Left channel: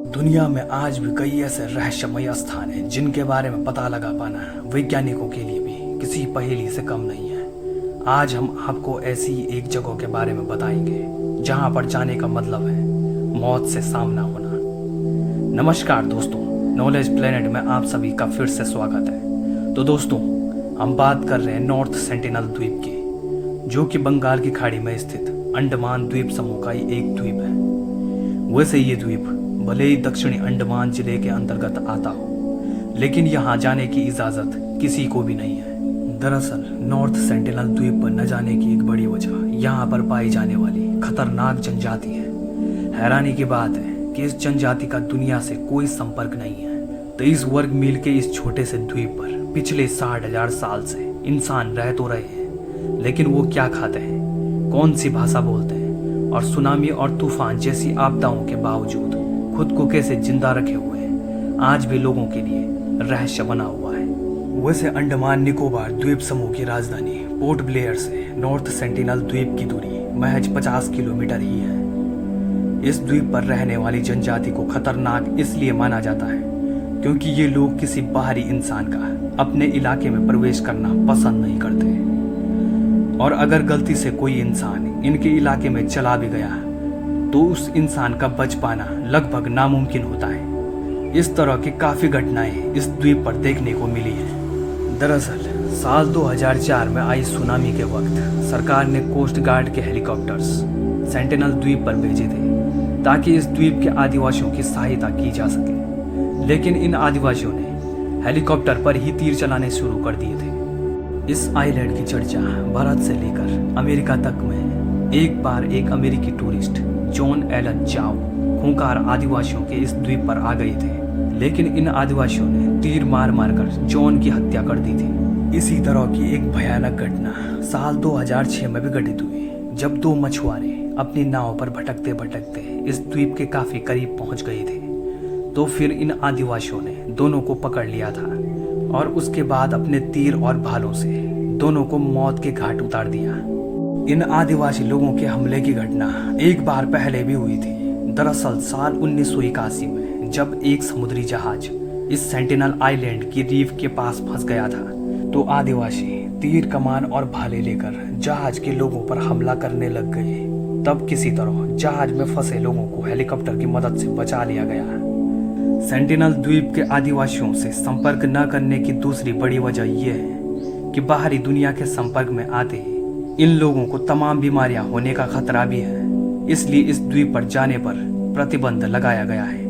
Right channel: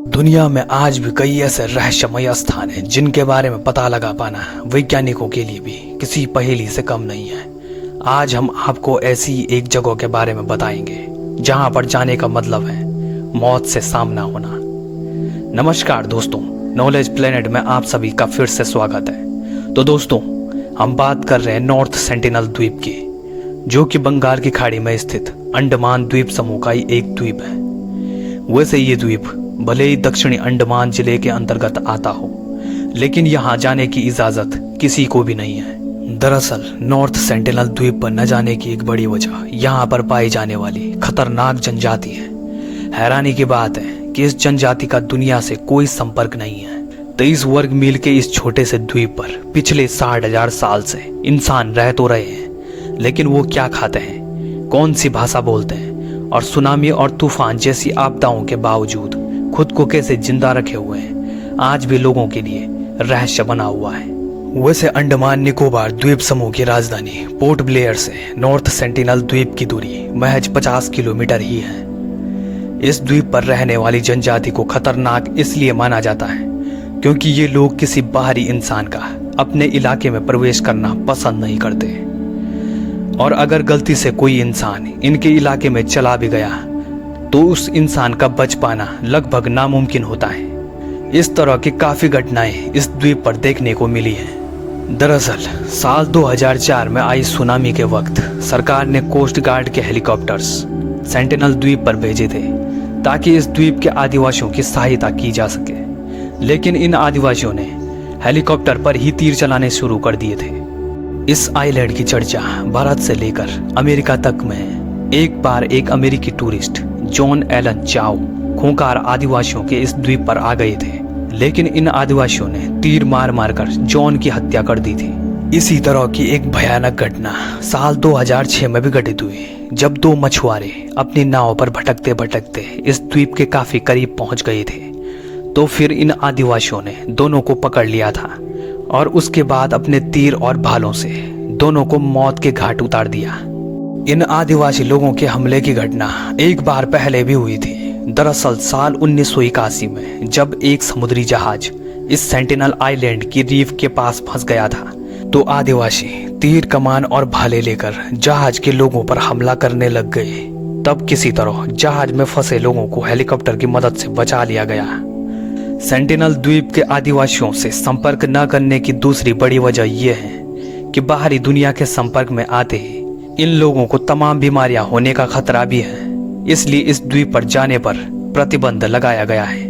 दुनिया में आज भी कई ऐसे रहस्यमय स्थान हैं जिनके बारे में पता लगा पाना वैज्ञानिकों के लिए भी किसी पहेली से कम नहीं है। आज हम आपको ऐसी एक जगह के बारे में बताएंगे जहां पर जाने का मतलब है मौत से सामना होना। नमस्कार दोस्तों, नॉलेज प्लेनेट में आप सभी का फिर से स्वागत है। तो दोस्तों, हम बात कर रहे हैं नॉर्थ सेंटिनल द्वीप की, जो कि बंगाल की खाड़ी में स्थित अंडमान द्वीप समूह का ही एक द्वीप है। वैसे ये द्वीप भले ही दक्षिणी अंडमान जिले के अंतर्गत आता हो, लेकिन यहाँ जाने की इजाजत किसी को भी नहीं है। दरअसल नॉर्थ सेंटिनल द्वीप पर न जाने की एक बड़ी वजह यहाँ पर पाई जाने वाली खतरनाक जनजाति है। हैरानी की बात है कि इस जनजाति का दुनिया से कोई संपर्क नहीं है। 23 वर्ग मील के इस छोटे से द्वीप पर पिछले 60,000 साल से इंसान रह तो रहे हैं, लेकिन वो क्या खाते हैं, कौन सी भाषा बोलते हैं और सुनामी और तूफान जैसी आपदाओं के बावजूद खुद को कैसे जिंदा रखे हुए हैं, आज भी लोगों के लिए रहस्य बना हुआ है। वैसे अंडमान निकोबार द्वीप समूह की राजधानी पोर्ट ब्लेयर से नॉर्थ सेंटिनल द्वीप की दूरी महज 50 किलोमीटर ही है। इस द्वीप पर रहने वाली जनजाति को खतरनाक इसलिए माना जाता है क्योंकि ये लोग किसी बाहरी इंसान का अपने इलाके में प्रवेश करना पसंद नहीं करते, और अगर गलती से कोई इंसान इनके इलाके में चला भी गया तो उस इंसान का बच पाना लगभग नामुमकिन होता है। इस तरह की काफी घटनाएं इस द्वीप पर देखने को मिली हैं। दरअसल साल 2004 में आई सुनामी के वक्त सरकार ने कोस्ट गार्ड के हेलीकॉप्टर्स सेंटिनल द्वीप पर भेजे थे ताकि इस द्वीप के आदिवासियों की सहायता की जा सके, लेकिन इन आदिवासियों ने हेलीकॉप्टर पर ही तीर चलाने शुरू कर दिए थे। इस आइलैंड की चर्चा भारत से लेकर अमेरिका तक में है। एक बार एक अमेरिकी टूरिस्ट जॉन एलन चाओ खूंखार आदिवासियों के इस द्वीप पर आ गए थे, लेकिन इन आदिवासियों ने तीर मार मार कर जॉन की हत्या कर दी थी। इसी तरह की एक भयानक घटना साल 2006 में भी घटित हुई, जब दो मछुआरे अपनी नाव पर भटकते भटकते इस द्वीप के काफी करीब पहुंच गए थे। तो फिर इन आदिवासियों ने दोनों को पकड़ लिया था और उसके बाद अपने तीर और भालों से दोनों को मौत के घाट उतार दिया। इन आदिवासी लोगों के हमले की घटना एक बार पहले भी हुई थी। दरअसल साल 1981 में जब एक समुद्री जहाज इस सेंटिनल आइलैंड की रीफ के पास फंस गया था, तो आदिवासी तीर कमान और भाले लेकर जहाज के लोगों पर हमला करने लग गए। तब किसी तरह जहाज में फंसे लोगों को हेलीकॉप्टर की मदद से बचा लिया गया। सेंटिनल द्वीप के आदिवासियों से संपर्क न करने की दूसरी बड़ी वजह यह है कि बाहरी दुनिया के संपर्क में आते ही इन लोगों को तमाम बीमारियां होने का खतरा भी है, इसलिए इस द्वीप पर जाने पर प्रतिबंध लगाया गया है।